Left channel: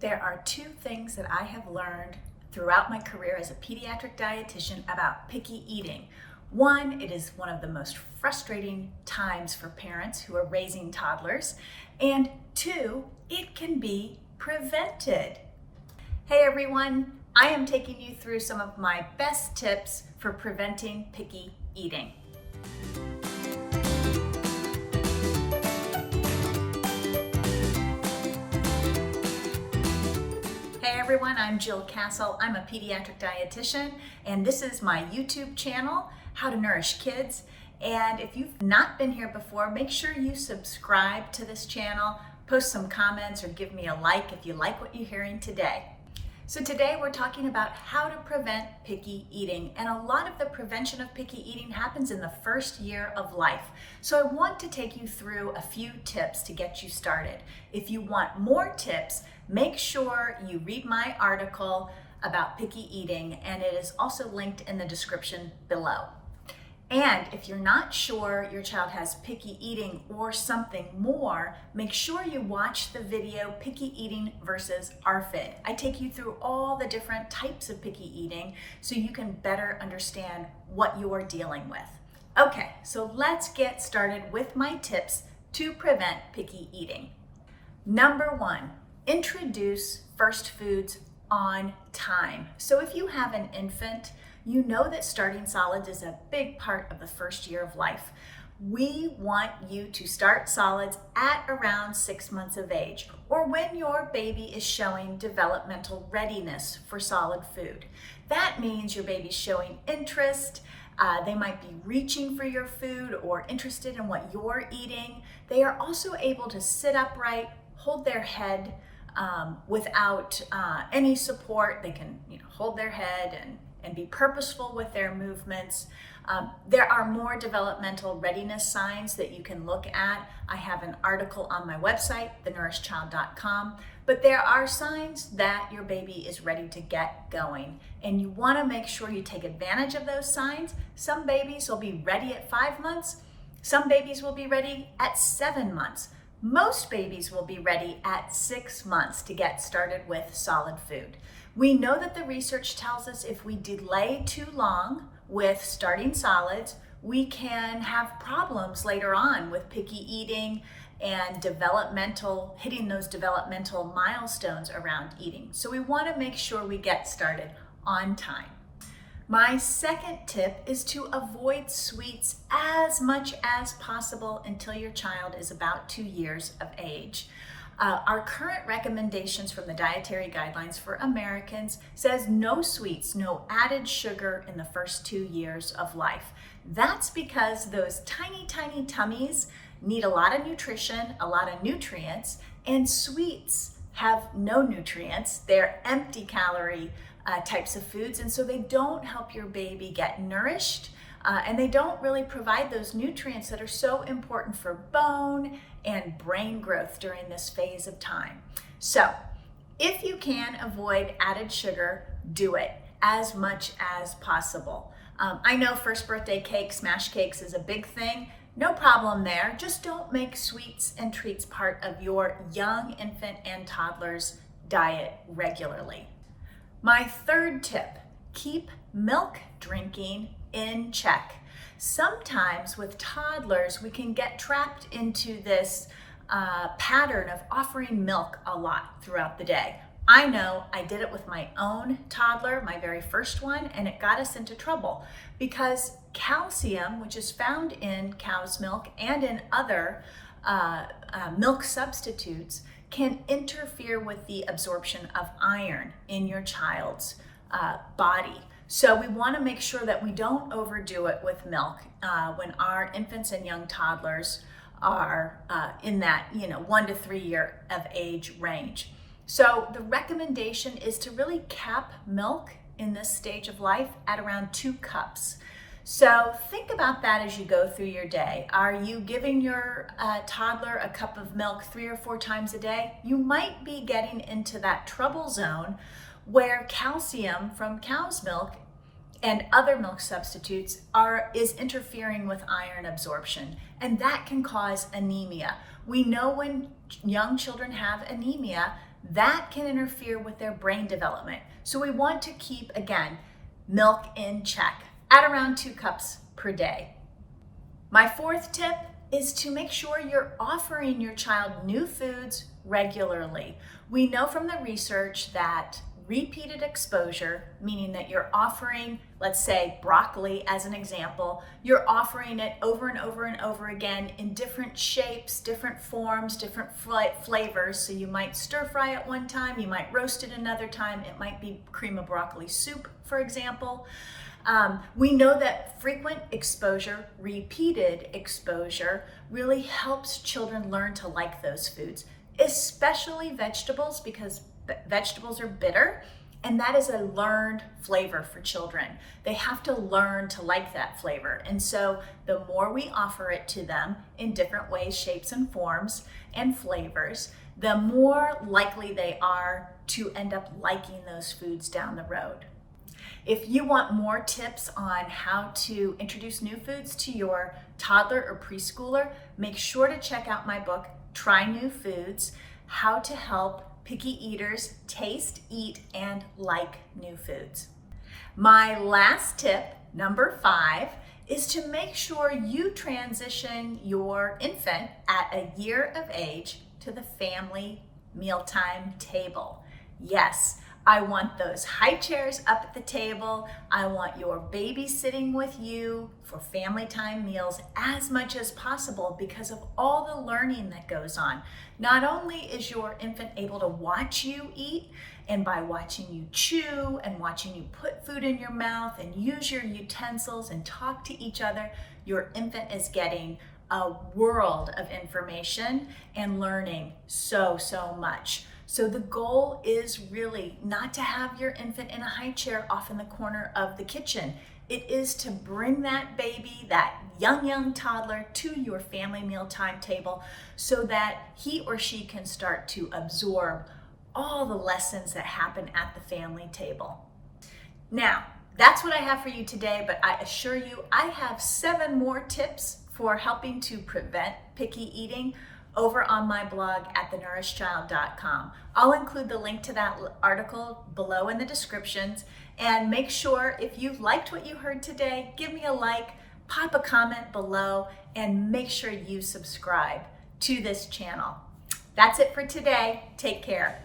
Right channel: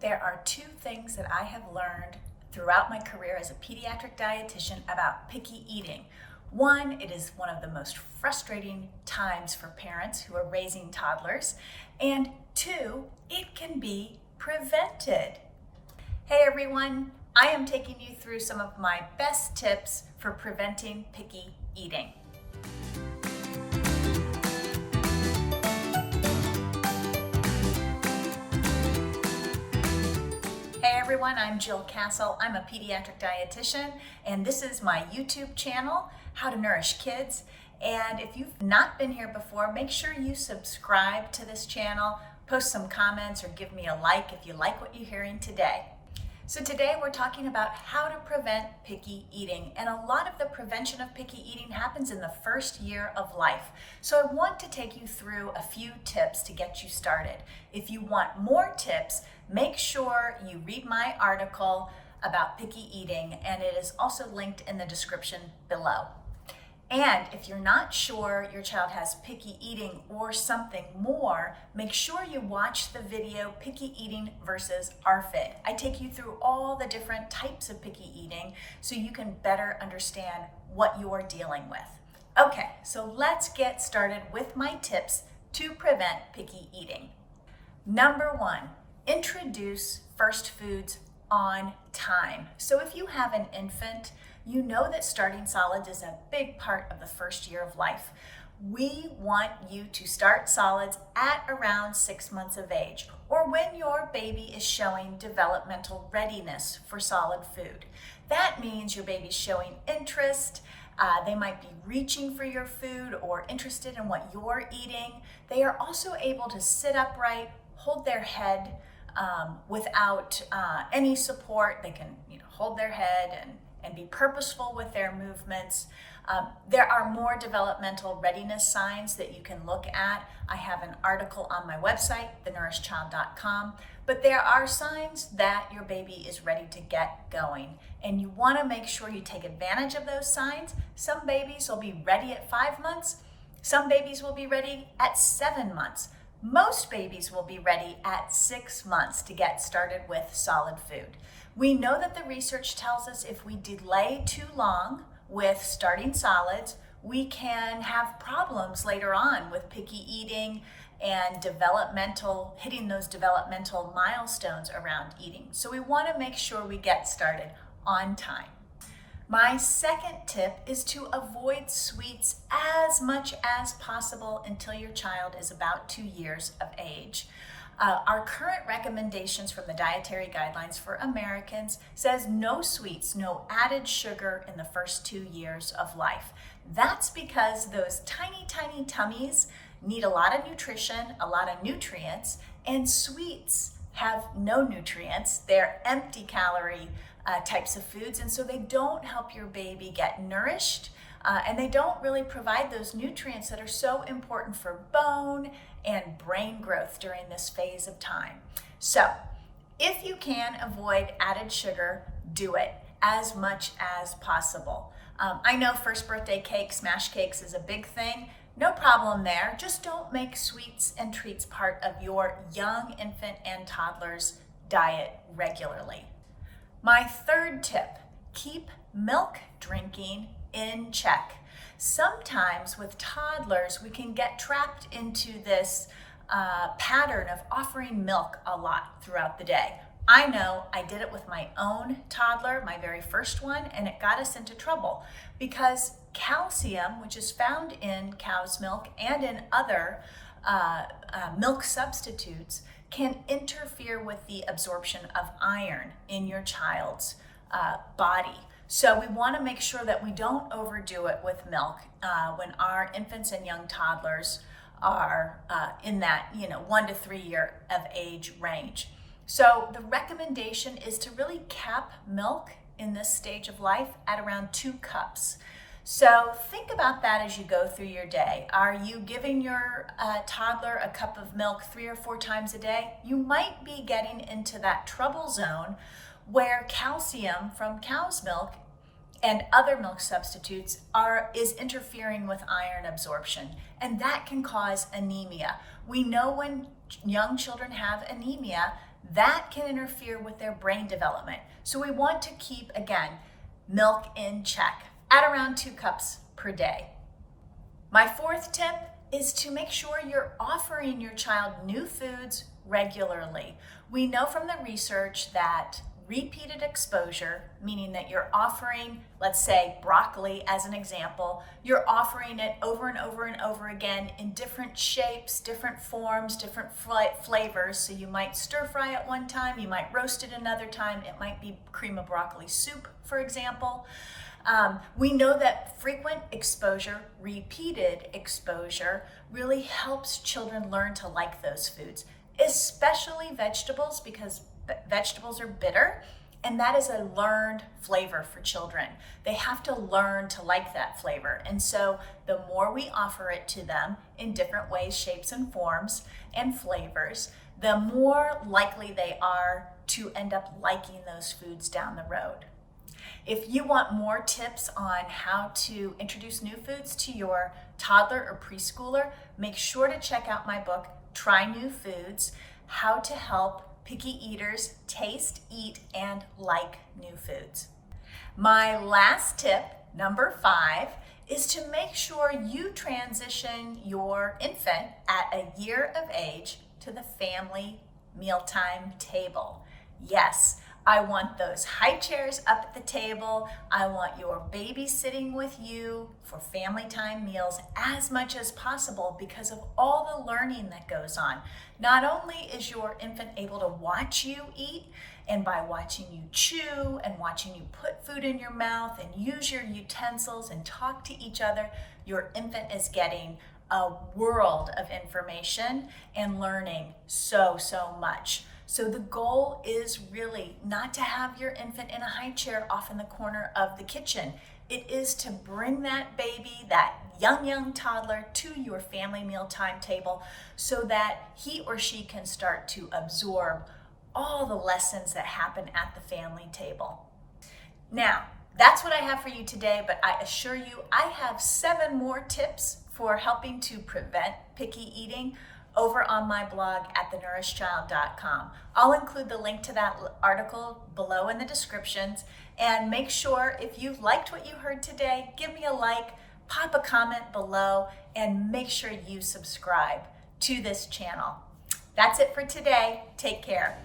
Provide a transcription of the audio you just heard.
There are two things that I have learned throughout my career as a pediatric dietitian about picky eating. One, it is one of the most frustrating times for parents who are raising toddlers. And two, it can be prevented. Hey everyone, I am taking you through some of my best tips for preventing picky eating. Hey everyone, I'm Jill Castle. I'm a pediatric dietitian, and this is my YouTube channel, How to Nourish Kids. And if you've not been here before, make sure you subscribe to this channel, post some comments, or give me a like if you like what you're hearing today. So today we're talking about how to prevent picky eating, and a lot of the prevention of picky eating happens in the first year of life. So I want to take you through a few tips to get you started. If you want more tips, make sure you read my article about picky eating, and it is also linked in the description below. And if you're not sure your child has picky eating or something more, make sure you watch the video Picky Eating versus ARFID. I take you through all the different types of picky eating so you can better understand what you're dealing with. Okay, so let's get started with my tips to prevent picky eating. Number one, introduce first foods on time. So if you have an infant, you know that starting solids is a big part of the first year of life. We want you to start solids at around 6 months of age, or when your baby is showing developmental readiness for solid food. That means your baby's showing interest. They might be reaching for your food or interested in what you're eating. They are also able to sit upright, hold their head without any support. They can hold their head and be purposeful with their movements. There are more developmental readiness signs that you can look at. I have an article on my website, thenourishchild.com, but there are signs that your baby is ready to get going, and you want to make sure you take advantage of those signs. Some babies will be ready at 5 months. Some babies will be ready at 7 months. Most babies will be ready at 6 months to get started with solid food. We know that the research tells us if we delay too long with starting solids, we can have problems later on with picky eating and hitting those developmental milestones around eating. So we want to make sure we get started on time. My second tip is to avoid sweets as much as possible until your child is about 2 years of age. Our current recommendations from the Dietary Guidelines for Americans says no sweets, no added sugar in the first 2 years of life. That's because those tiny, tiny tummies need a lot of nutrition, a lot of nutrients, and sweets have no nutrients. They're empty calorie types of foods, and so they don't help your baby get nourished, and they don't really provide those nutrients that are so important for bone and brain growth during this phase of time. So if you can avoid added sugar, do it as much as possible. I know first birthday cake, smash cakes is a big thing. No problem there. Just don't make sweets and treats part of your young infant and toddler's diet regularly. My third tip, keep milk drinking in check. Sometimes with toddlers, we can get trapped into this pattern of offering milk a lot throughout the day. I know I did it with my own toddler, my very first one, and it got us into trouble because calcium, which is found in cow's milk and in other milk substitutes, can interfere with the absorption of iron in your child's body. So we want to make sure that we don't overdo it with milk when our infants and young toddlers are in that 1 to 3 year of age range. So the recommendation is to really cap milk in this stage of life at around 2 cups. So think about that as you go through your day. Are you giving your toddler a cup of milk 3 or 4 times a day? You might be getting into that trouble zone where calcium from cow's milk and other milk substitutes is interfering with iron absorption, and that can cause anemia. We know when young children have anemia, that can interfere with their brain development. So we want to keep, again, milk in check at around 2 cups per day. My fourth tip is to make sure you're offering your child new foods regularly. We know from the research that repeated exposure, meaning that you're offering, let's say broccoli as an example, you're offering it over and over and over again in different shapes, different forms, different flavors. So you might stir fry it one time, you might roast it another time, it might be cream of broccoli soup, for example. We know that frequent exposure, repeated exposure, really helps children learn to like those foods, especially vegetables, because vegetables are bitter, and that is a learned flavor for children. They have to learn to like that flavor. And so the more we offer it to them in different ways, shapes and forms and flavors, the more likely they are to end up liking those foods down the road. If you want more tips on how to introduce new foods to your toddler or preschooler, make sure to check out my book, Try New Foods: How to Help Picky Eaters Taste, Eat, and Like New Foods. My last tip, number 5, is to make sure you transition your infant at a year of age to the family mealtime table. Yes, I want those high chairs up at the table. I want your baby sitting with you for family time meals as much as possible because of all the learning that goes on. Not only is your infant able to watch you eat, and by watching you chew and watching you put food in your mouth and use your utensils and talk to each other, your infant is getting a world of information and learning so much. So the goal is really not to have your infant in a high chair off in the corner of the kitchen. It is to bring that baby, that young toddler, to your family mealtime table so that he or she can start to absorb all the lessons that happen at the family table. Now, that's what I have for you today, but I assure you I have 7 more tips for helping to prevent picky eating over on my blog at thenourishchild.com. I'll include the link to that article below in the descriptions, and make sure if you liked what you heard today, give me a like, pop a comment below, and make sure you subscribe to this channel. That's it for today. Take care.